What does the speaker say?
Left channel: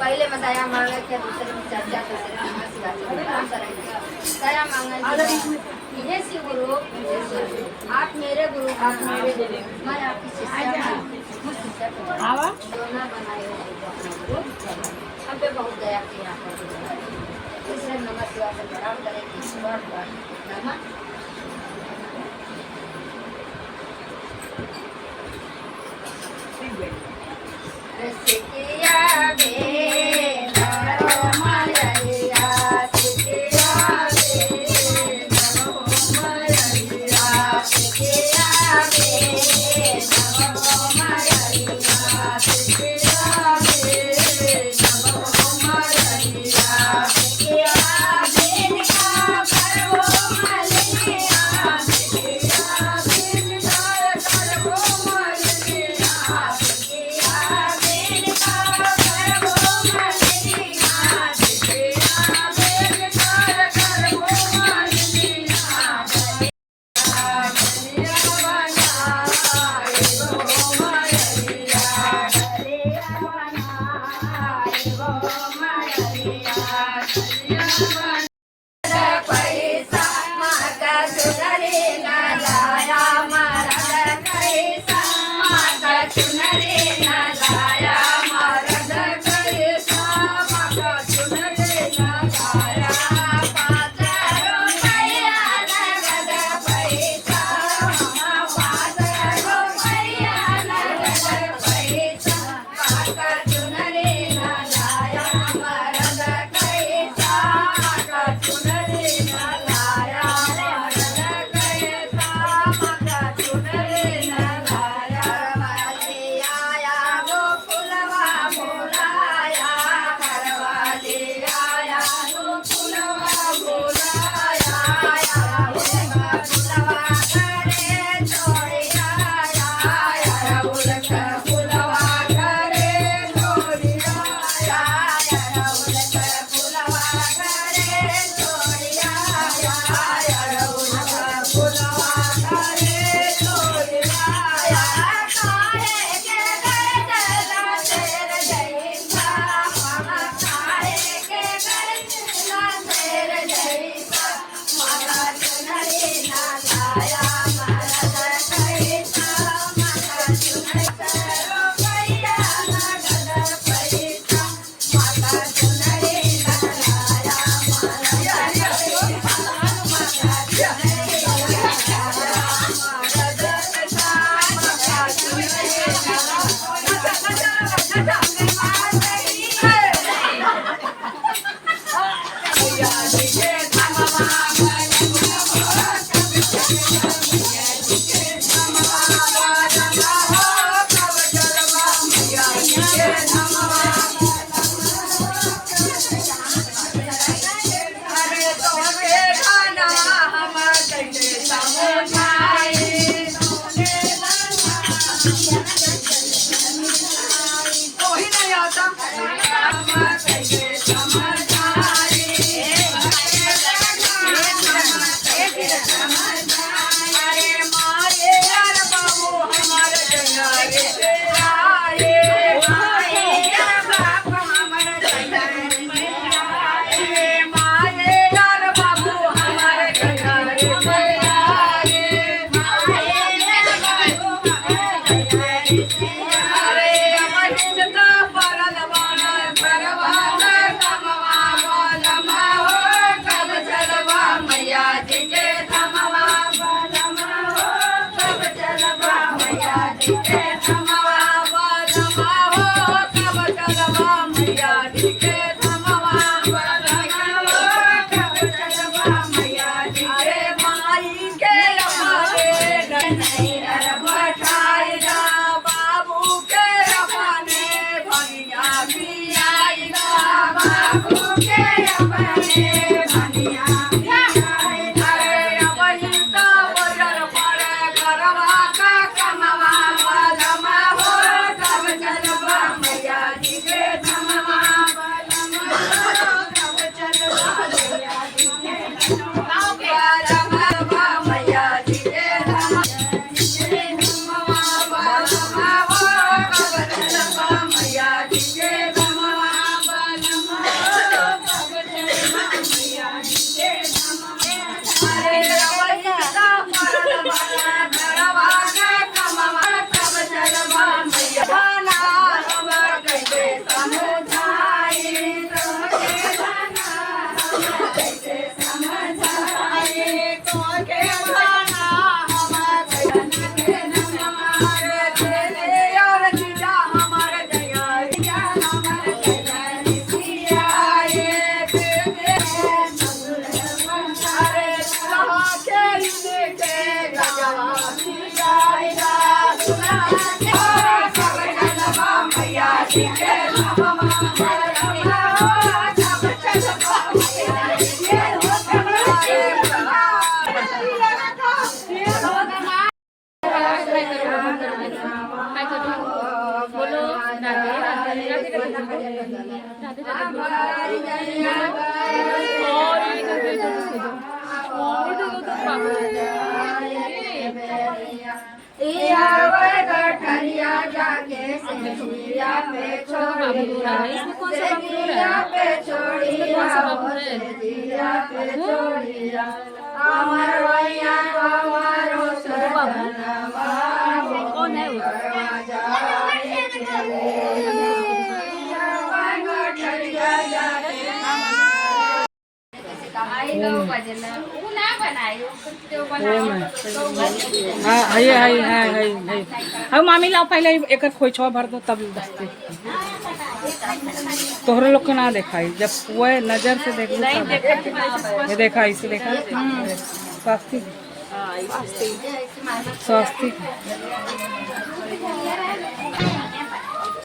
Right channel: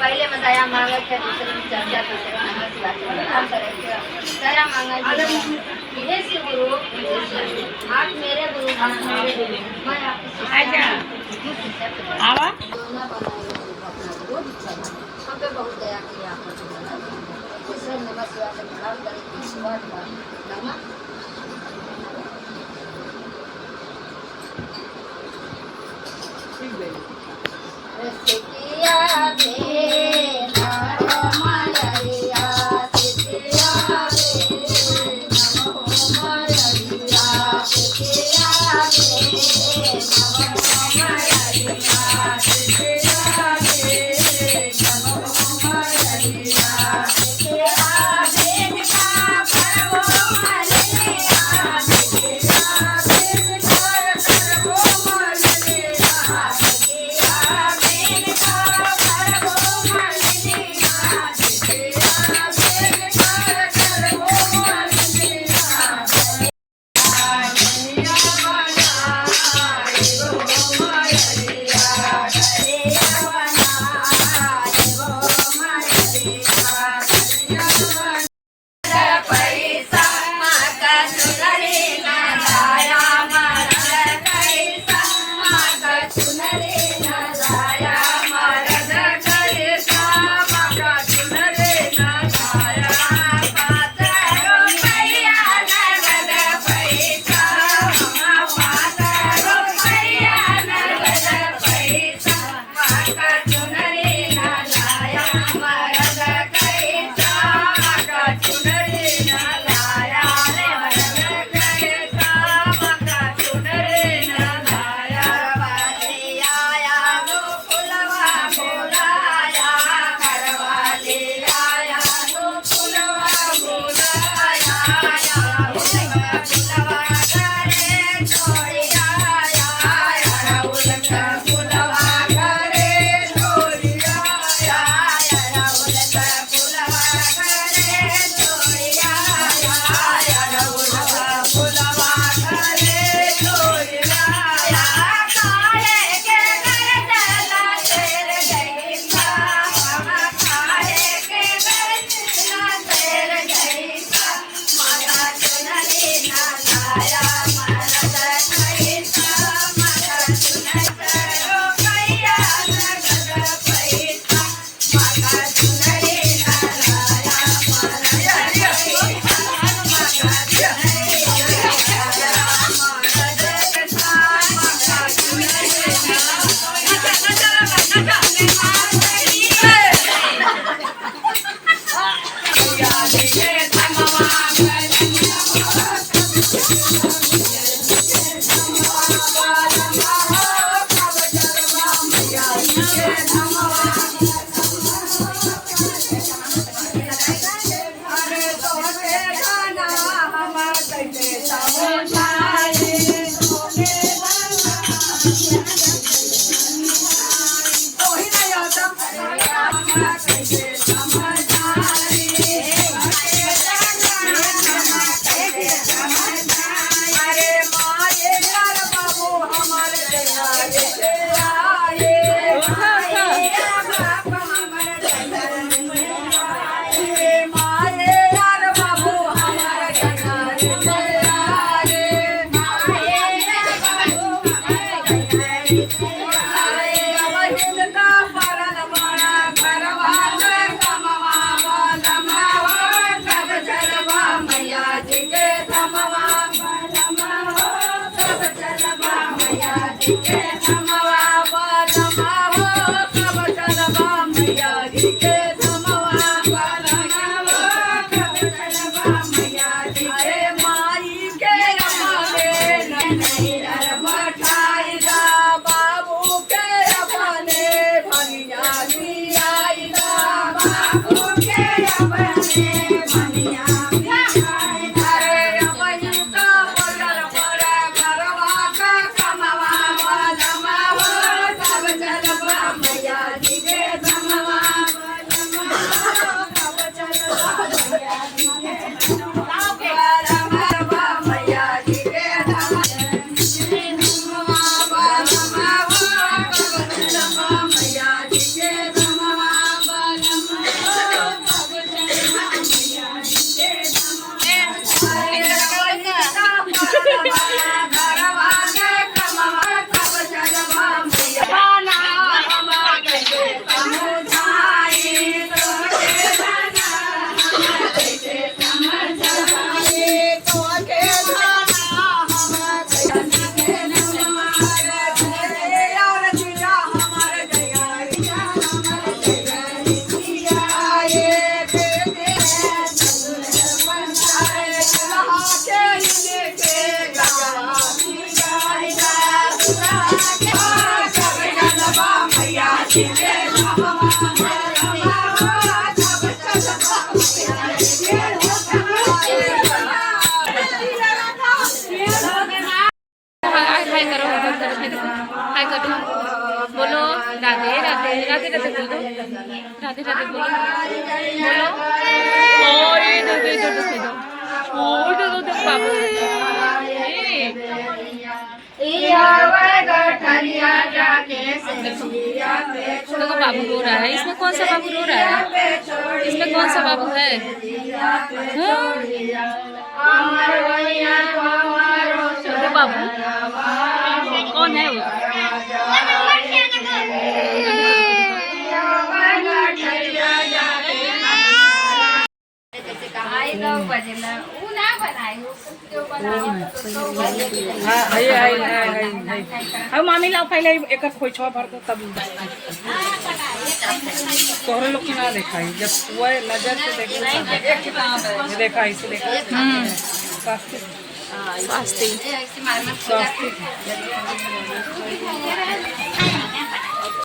पहले में दया मांगा क्या दूसरे में चर्चा करते दया मांगा हे शिव गुरु आप मेरे गुरु मैं आपकी शिष्या आवा दोनों बनाए अपना गुरु हम पे बहुत दया किया इसलिए नमः शिवाय से प्रणाम करें ईश्वर नमः Okay, हाय करो, हाय करो, बोलो राधे राधे राधे राधे बोलो, राधे राधे बोलो, बोलो ओ ये दो बाबू देखो बाबू रो रहा है। इसमें कौन सा बाबू रो रहा है? इसमें कौन सा बाबू है? देखो बाबू कौन है वो? अब मामी लाओ पहले एक खोइछवा भर दो तब तोहरे लोग के ना देखा जब वो नजर से देखो ये देखा इसे देखा स्वास्थ्य स्वास्थ्य